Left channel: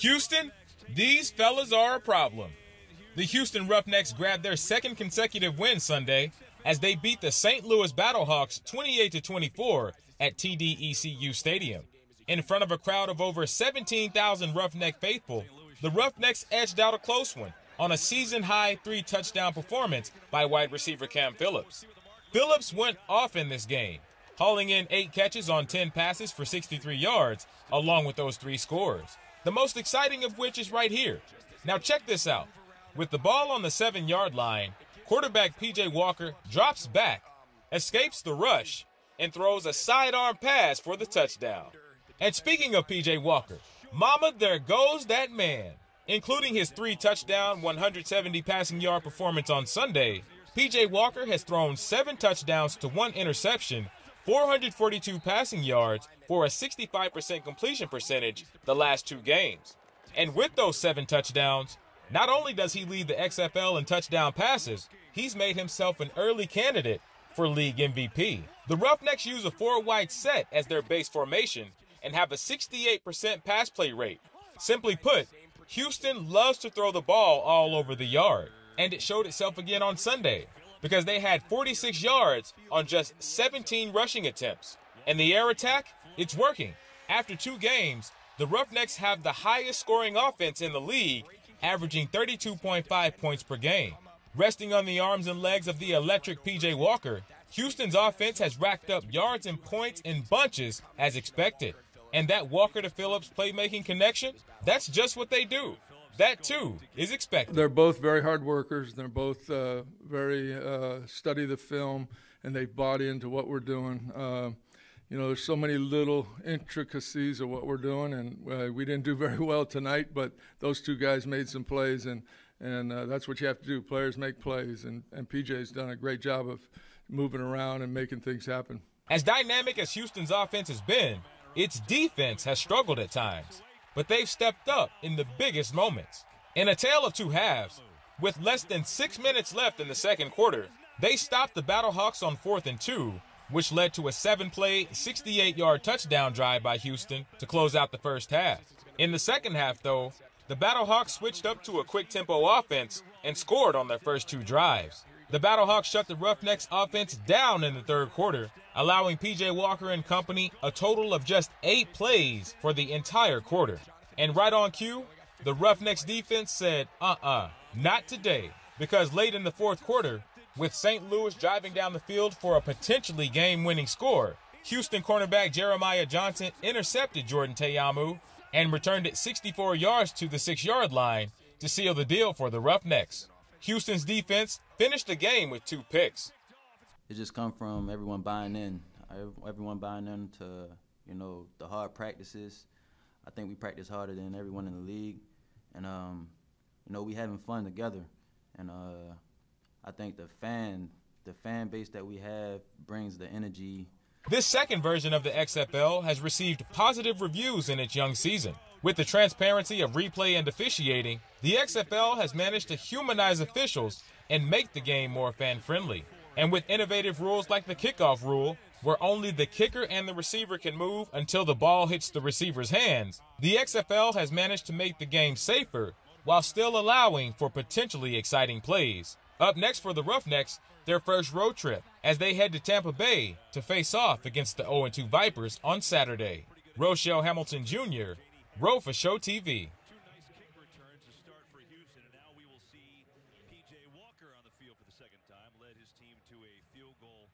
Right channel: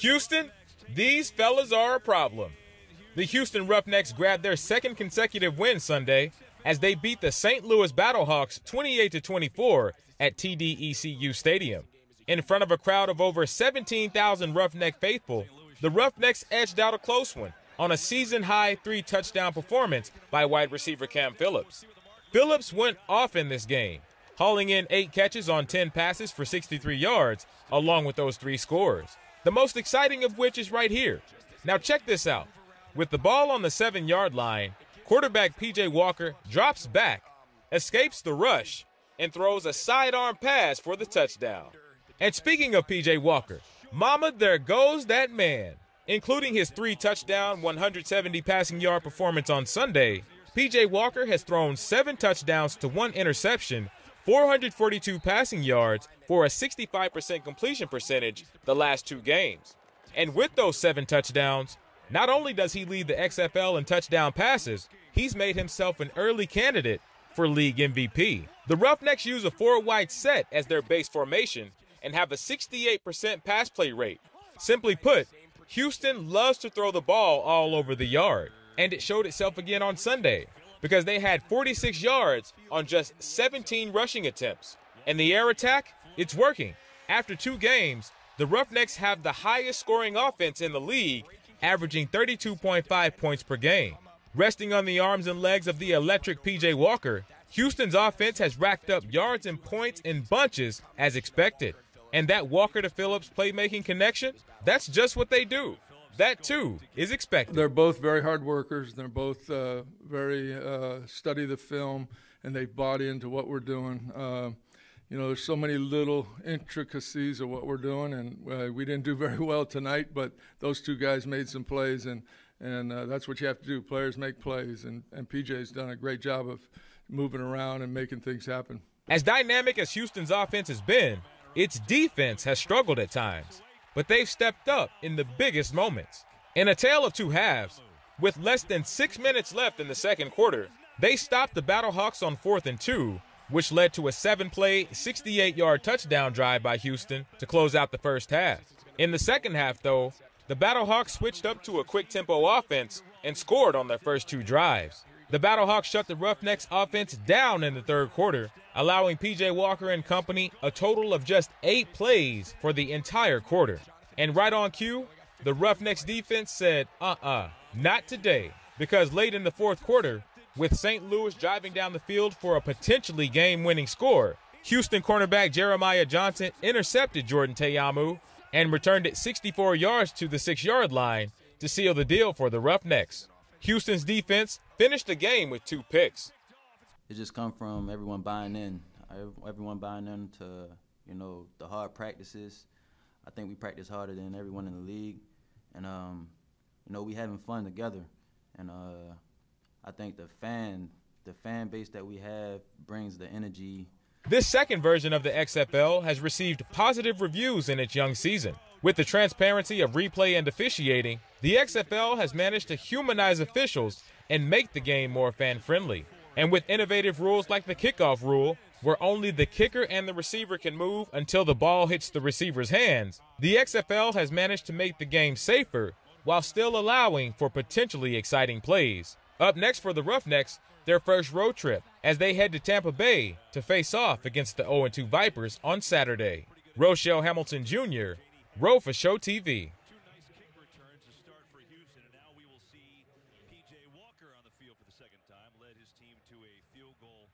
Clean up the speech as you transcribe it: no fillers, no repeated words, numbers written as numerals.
Houston, these fellas are a problem. The Houston Roughnecks grabbed their second consecutive win Sunday as they beat the St. Louis Battlehawks 28-24 at TDECU Stadium. In front of a crowd of over 17,000 Roughneck faithful, the Roughnecks edged out a close one on a season-high 3-touchdown performance by wide receiver Cam Phillips. Phillips went off in this game, hauling in 8 catches on 10 passes for 63 yards, along with those 3 scores. The most exciting of which is right here. Now check this out. With the ball on the 7-yard line, quarterback P.J. Walker drops back, escapes the rush, and throws a sidearm pass for the touchdown. And speaking of P.J. Walker, mama, there goes that man. Including his 3-touchdown, 170 passing yard performance on Sunday, P.J. Walker has thrown 7 touchdowns to 1 interception, 442 passing yards for a 65% completion percentage the last 2 games. And with those 7 touchdowns, not only does he lead the XFL in touchdown passes, he's made himself an early candidate for league MVP. The Roughnecks use a 4-wide set as their base formation and have a 68% pass play rate. Simply put, Houston loves to throw the ball all over the yard, and it showed itself again on Sunday because they had 46 yards on just 17 rushing attempts. And the air attack, it's working. After 2 games, the Roughnecks have the highest scoring offense in the league, averaging 32.5 points per game. Resting on the arms and legs of the electric P.J. Walker, Houston's offense has racked up yards and points in bunches as expected. And that Walker to Phillips playmaking connection, that's just what they do. That, too, is expected. They're both very hard workers. They're both very study the film, and they've bought into what we're doing. You know, there's so many little intricacies of what we're doing, and we didn't do very well tonight, but those 2 guys made some plays, and that's what you have to do. Players make plays, and PJ's done a great job of moving around and making things happen. As dynamic as Houston's offense has been, its defense has struggled at times, but they've stepped up in the biggest moments. In a tale of 2 halves, with less than 6 minutes left in the second quarter, they stopped the Battlehawks on 4th and 2, which led to a 7-play, 68-yard touchdown drive by Houston to close out the first half. In the second half, though, the Battlehawks switched up to a quick-tempo offense and scored on their first 2 drives. The Battlehawks shut the Roughnecks offense down in the third quarter, allowing P.J. Walker and company a total of just 8 plays for the entire quarter. And right on cue, the Roughnecks defense said, not today, because late in the fourth quarter, with St. Louis driving down the field for a potentially game-winning score, Houston cornerback Jeremiah Johnson intercepted Jordan Teyamu and returned it 64 yards to the 6-yard line to seal the deal for the Roughnecks. Houston's defense finished the game with 2 picks. It just come from everyone buying in. Everyone buying in to, you know, the hard practices. I think we practice harder than everyone in the league. And, you know, we having fun together. And I think the fan base that we have brings the energy. This second version of the XFL has received positive reviews in its young season. With the transparency of replay and officiating, the XFL has managed to humanize officials and make the game more fan-friendly. And with innovative rules like the kickoff rule, where only the kicker and the receiver can move until the ball hits the receiver's hands, the XFL has managed to make the game safer while still allowing for potentially exciting plays. Up next for the Roughnecks, their first road trip as they head to Tampa Bay to face off against the 0-2 Vipers on Saturday. Roushell Hamilton Jr., Ro4Sho TV. P.J. Walker on the field for the second time, led his team to a field goal